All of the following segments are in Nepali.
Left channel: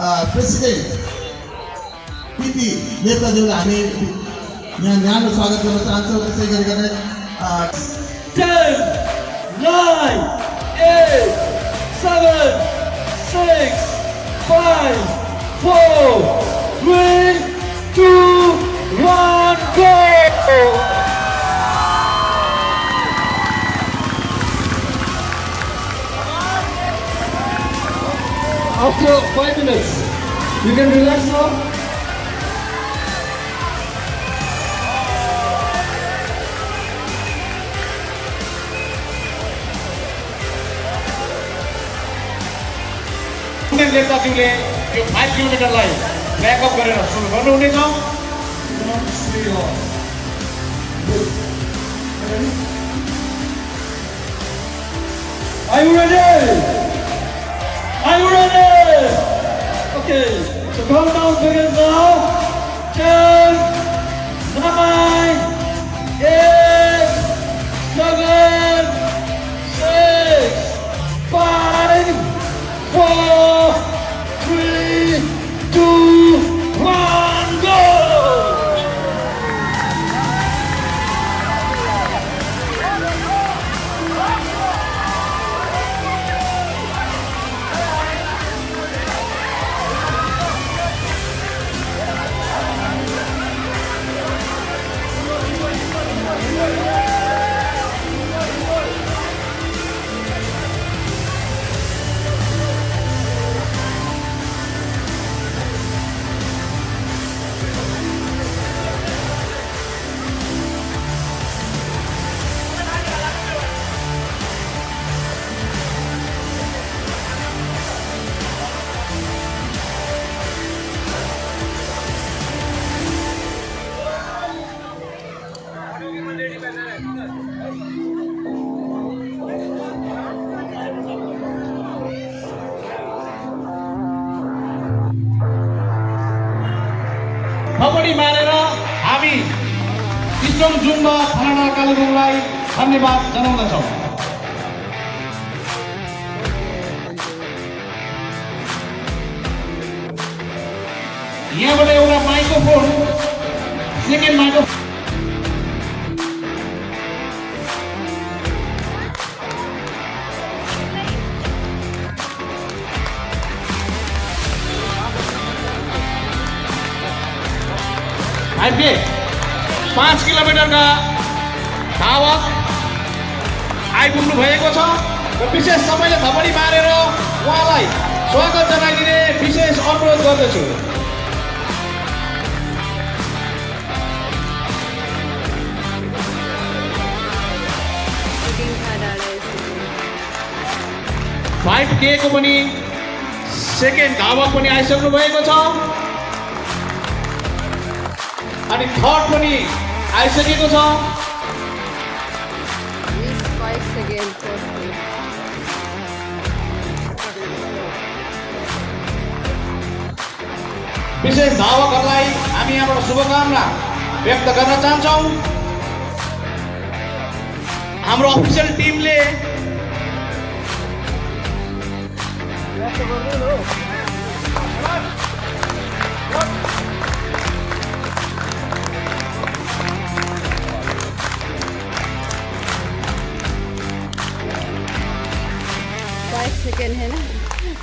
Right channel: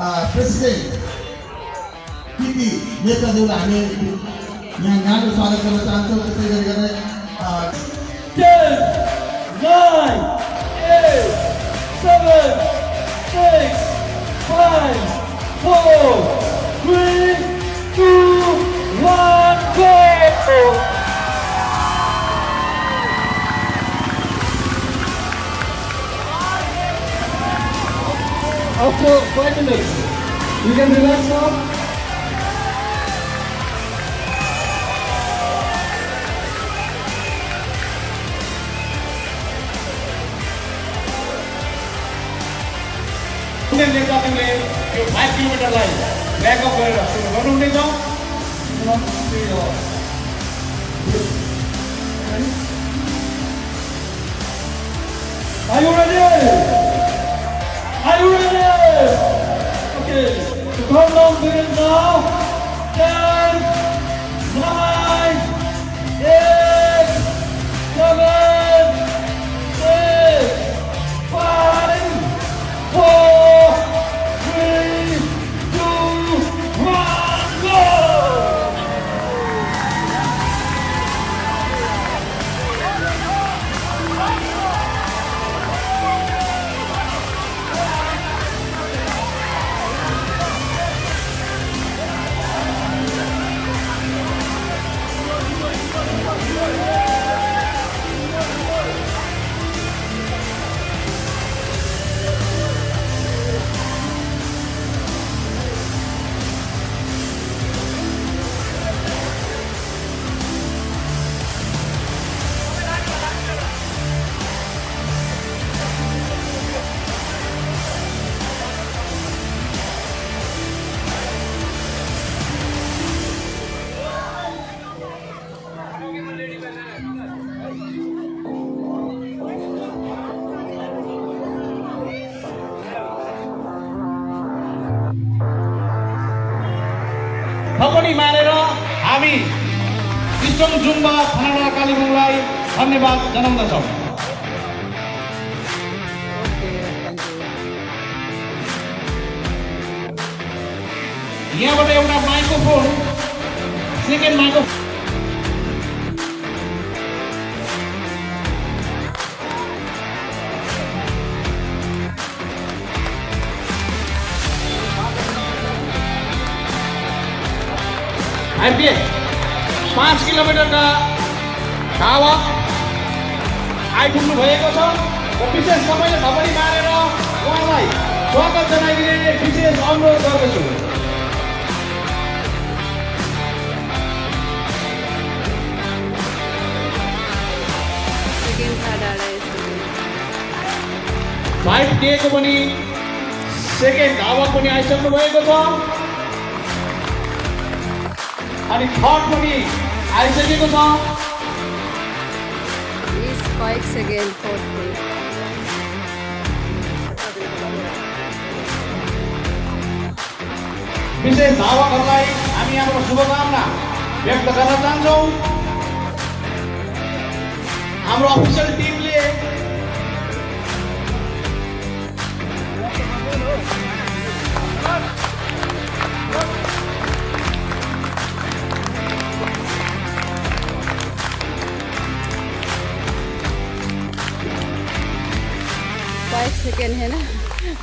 प्रेसिडेन्ट पिटी नेताज्यूलाई हामी यहाँ न्यानो स्वागत गर्न चाहन्छौँ। त्यसै गरिकन 10, 9, 8, 7, 6, 5, 4, 3, 2, 1, go! After 5 minutes, you can relax now. नेताज्यूले यो 5 किलोमिटरलाई ब्याकअप गरेर सुरु गर्नुहुनेछ। Are you ready? Are you ready? Okay, the countdown begins now. 10, 9, 8, 7, 6, 5, 4, 3, 2, 1, go! थपडी मारेर हामी सिस्टम जुम्बा थाना कालेबुङलाई धन्यवाद जनाउँदछौँ। यहाँबाट एउटा माइक्रोफोन सेकेन्ड माइक्रोफोन हामीले 5 किलोमिटरका धावक आइपुग्नु भएको छ र विशेष समयले थपडी मारेर उहाँलाई स्वागत जनाइदिने विशेष अनुरोध गर्दछु। फाइभ के को पनि सेकेन्ड धावक पनि आइसक्नु भएको छ अनि थर्ड पनि आइसकेको छ। 5 सेकेन्ड विशेष धावकहरूलाई हामी यहाँबाट शुभकामना व्यक्त गर्न चाहन्छौँ। हाम्रो अफिसियल टिमले सेकेंड है ना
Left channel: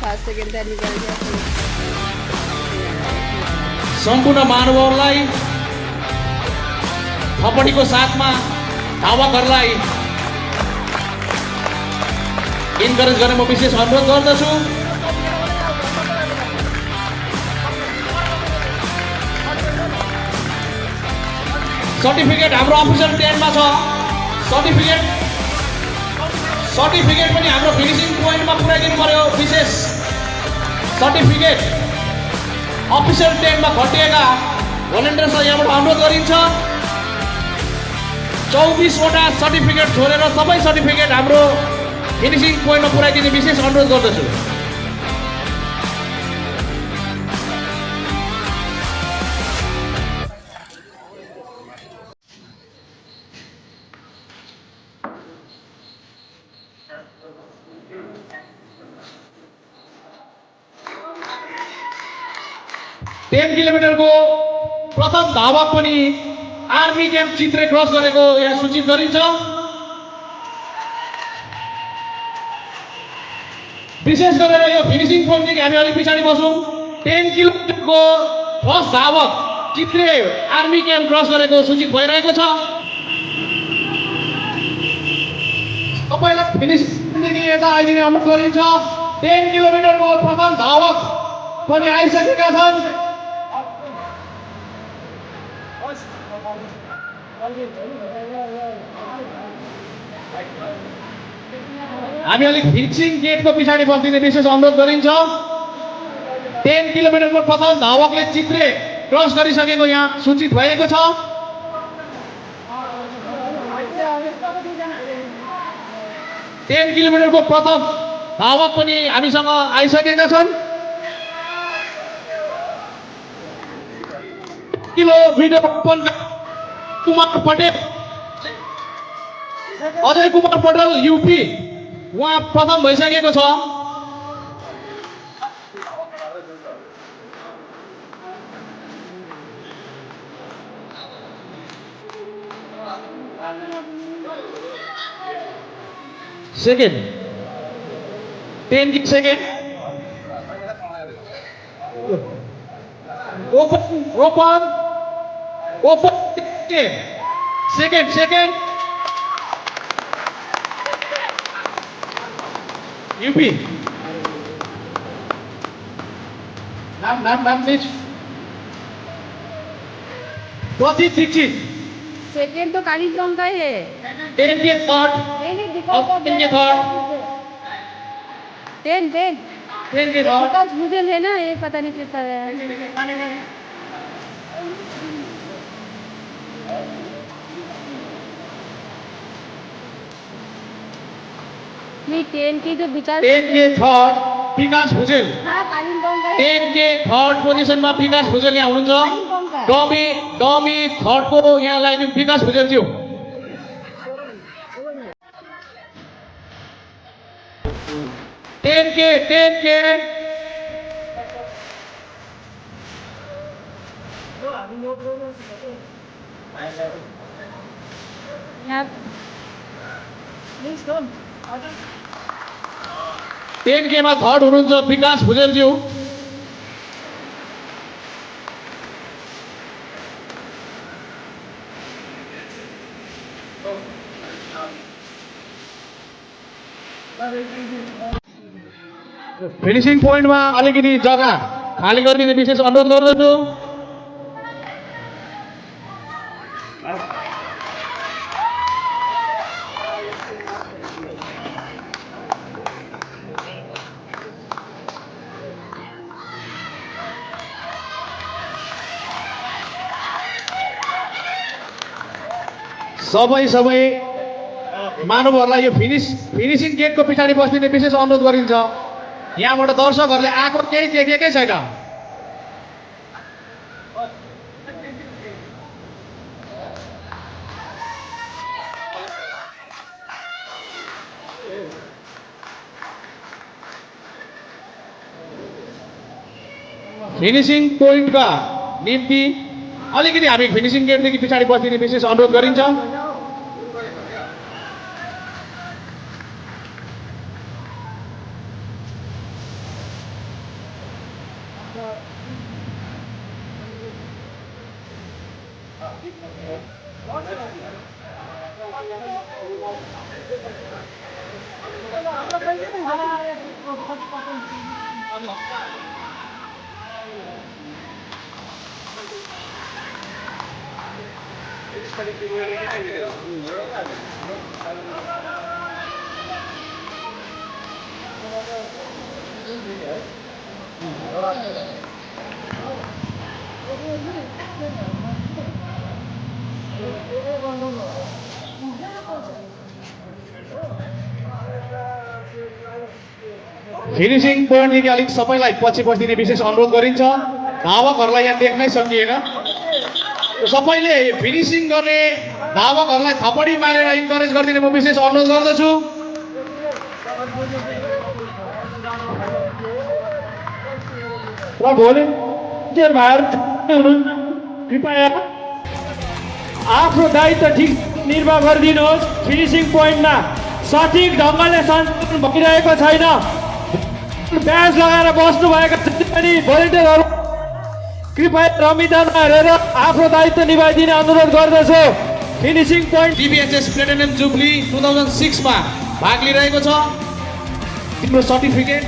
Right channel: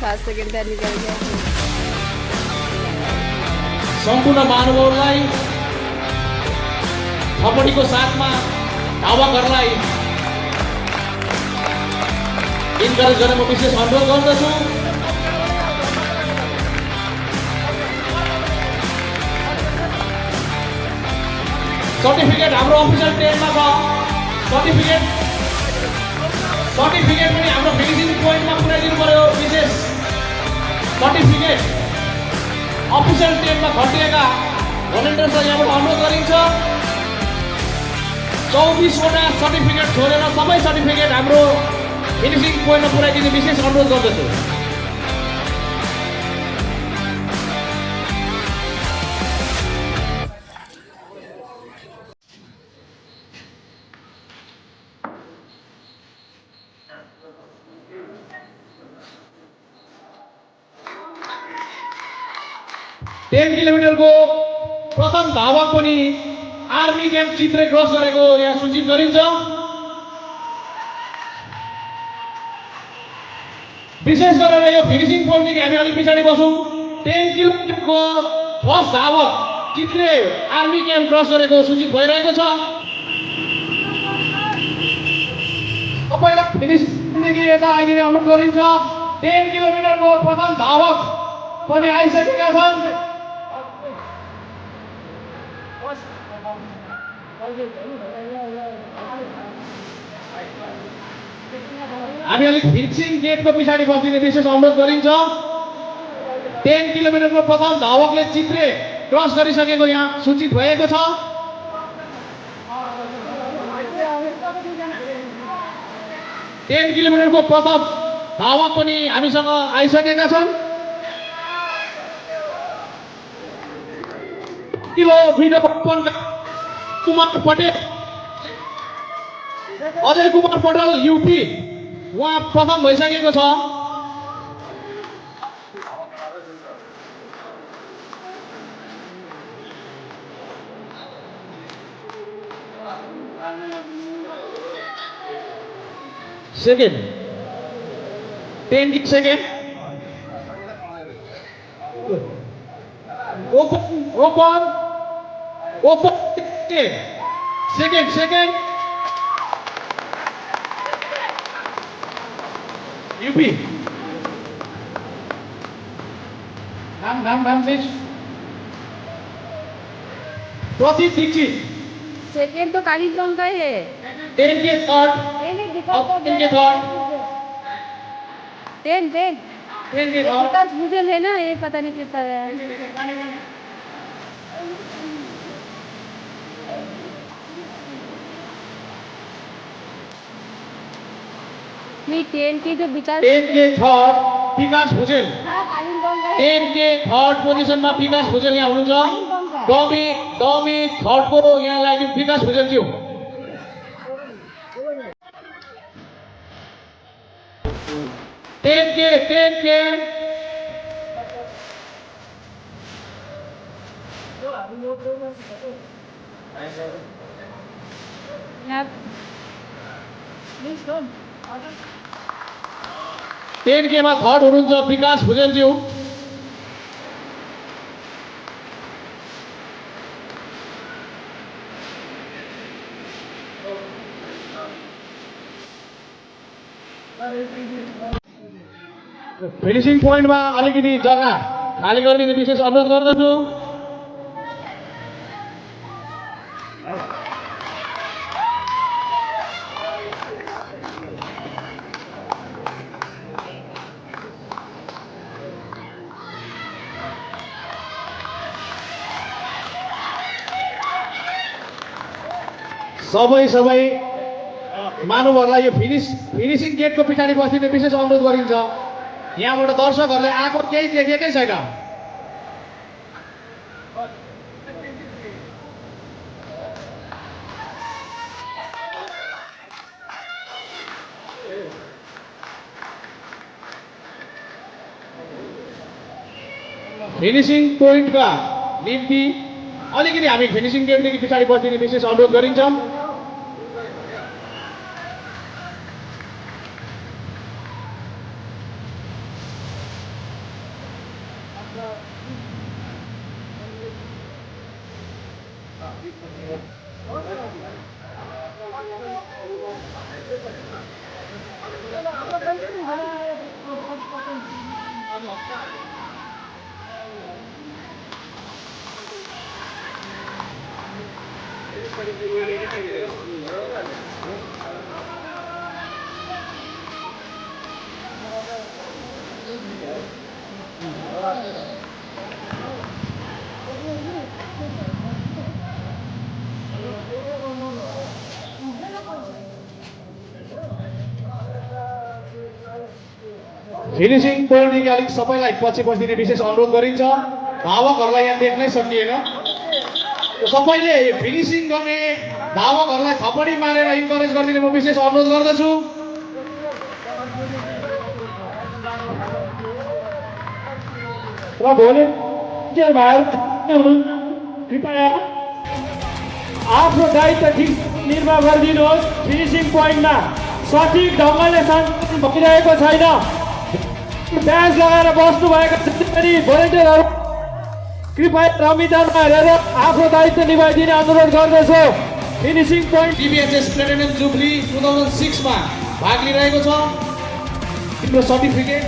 5 सेकेंड का निकल गया। सम्पूर्ण महानुभावलाई थपडीको साथमा धावकहरूलाई इन्करेज गर्न म विशेष अनुरोध गर्दछु। सर्टिफिकेट हाम्रो अफिसियल टेन्टमा छ। सर्टिफिकेट पनि हाम्रो फिनिसिङ पोइन्टमा पुऱ्याइदिनु पर्यो। विशेष सर्टिफिकेट अफिसियल टेन्टमा खटिएका भोलिन्टियर्सलाई यहाँबाट अनुरोध गरिन्छ। 24वटा सर्टिफिकेट छोडेर सबै सर्टिफिकेट हाम्रो फिनिसिङ पोइन्टमा पुऱ्याइदिने विशेष अनुरोध गर्दछु। 10 किलोमिटरको प्रथम धावक पनि आर्मी क्याम्प चित्रे क्रस गरेको यहाँ सूचित गरिन्छ। विशेष गरेर यो फिनिसिङ पोइन्टदेखि हामी अलिक पछाडि बसौँ। 10 किलोमिटरको फर्स्ट धावक चित्रे आर्मी क्याम्प क्रस गरेको सूचित भइरहेको छ। तपाईँलाई फिनिसिङदेखि यता आइदिने अनुरोध गरिन्छ। 10 किलोमिटरको प्रथम धावक पनि आइसकेका छन्। हामी अलिक फिनिसिङ गेटको पछाडि बस्दिने विशेष अनुरोध गरिन्छ। 10 किलोमिटरको प्रथम धावकले चित्रे क्रस गरिसकेको यहाँ सूचित भएको छ। टेन किलोमिटरको प्रथम धावक पनि हामीसँग आइसकेका छन्। किलोमिटर कुमार पटेल, अजय कुमार पटेल युपी, उहाँ प्रथम भइसकेको छ। Second 10 second open second UP नाम प्लीज। प्रतीक दीक्षित सेकेंड तो कालीगंज का है। 10 के थर्ड, 10 के थर्ड, 10 के थर्ड। विकास भूजल है ना, ये पता नहीं कितना है। नहीं 10 की जो विकास 10 के थर्ड विकास भुजेल, हाँ कालीगंज का है। 10 के थर्ड पोजिसनमा विकास भुजेल यहाँ हुनुहुन्छ। डमी थर्डको यहाँलाई विकास भुजेल थियो। टेन के यहाँ 10 के मा थर्ड हुनुहुन्छ विकास भुजेलज्यू। फिनिसिङ पोइन्टमा अलिकति जग्गा खाली गरिदिने विशेष अनुरोध गर्दछु। सबै मानवहरूलाई यो फिनिसिङ गेटको पछाडि बस्दिने विशेष अनुरोध गरिन्छ। यहाँबाट दर्शकहरूले आएको केही देखेकै छैन। फिनिसिङ पोइन्टका निम्ति अलिकति हामी फिनिसिङ गेटदेखि पछाडि बस्दिने विशेष अनुरोध गरिन्छ। फिनिसिङ पोइन्टदेखि अलिक सबैलाई पछि बस्दिने विशेष अनुरोध गरिन्छ। धावकहरूलाई यहाँ देख्नै सकिएन। सबैले फिनिसिङ गर्ने धावकहरूलाई थपडी मारेर इन्करेज गरिदिने म विशेष अनुरोध गर्दछु। भोलि भोलिन्टियर भाइहरू हुनुहुन्छ कृपया आफ्नो दायित्व ठिक निर्वाह गरिदिनुहोस्। फिनिसिङ पोइन्टमा सठिक ढङ्गले सञ्चालन भइरहेको छैन। ब्याज लगाएर बस्नुभएका भोलिन्टियरहरू कृपया रमितामा हेरेर आफ्नो दायित्व निभाइदिने अनुरोध गर्दछु। फिनिसिङ पोइन्ट टिबिएचएस प्लेटिनम जुब्ली 2006 मा भाग लिइरहेको छ। तिम्रो सर्टिफिकेट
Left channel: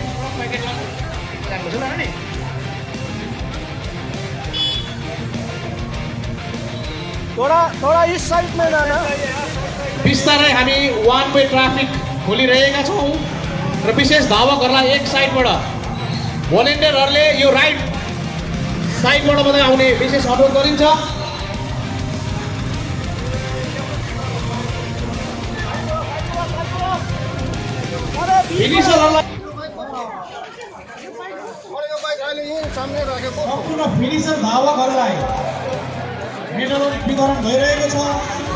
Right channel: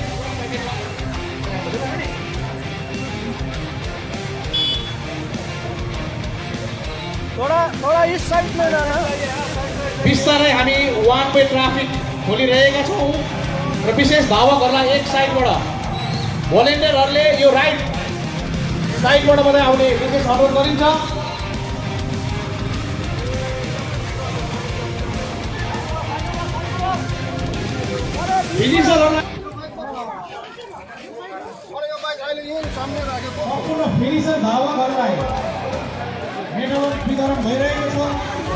बिस्तारै हामी वान वे ट्राफिक खोलिरहेका छौँ र विशेष धावकहरूलाई एक साइडबाट भोलिन्टियरहरूले यो राइट साइडबाट मात्रै आउने विशेष अनुरोध गरिन्छ। फिनिसरहरूलाई सम्पूर्ण फिनिसर धावकहरूलाई मेडल वितरण भइरहेको छ।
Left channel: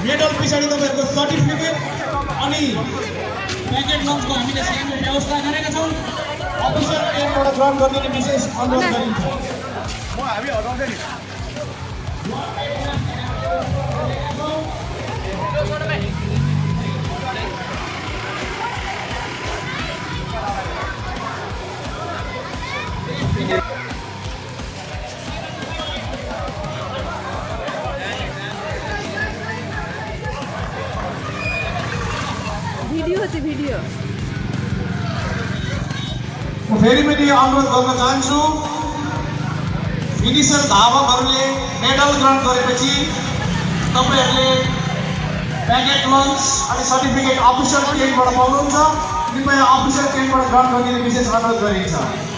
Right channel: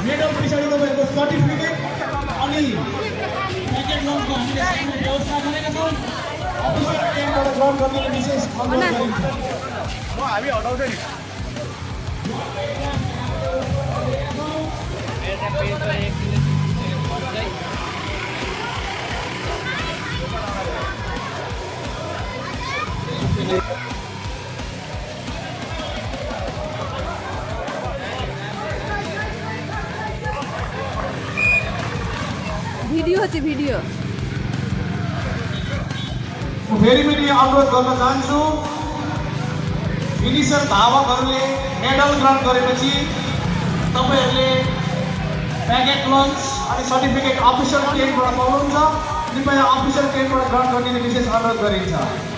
मेडल पछाडि तपाईँहरूको सर्टिफिकेट अनि प्याकेट लन्चको हामीले सानो व्यवस्था गरेका छौँ। अफिसर टेन्टबाट ग्रहण गरिने विशेष अनुरोध गरिन्छ। भिडियो चाहिँ भिडियो फेरि पनि अनुरोध गर्न चाहन्छु, फिनिसर धावकहरूले मेडल ग्रहण गरेपछि तपाईँहरूले प्याकेट लन्च अनि सर्टिफिकेट अफिसर टेन्टबाट पाउनुहुन्छ। कृपया अफिसर टेन्टबाट ग्रहण गरिने विशेष अनुरोध गरिन्छ।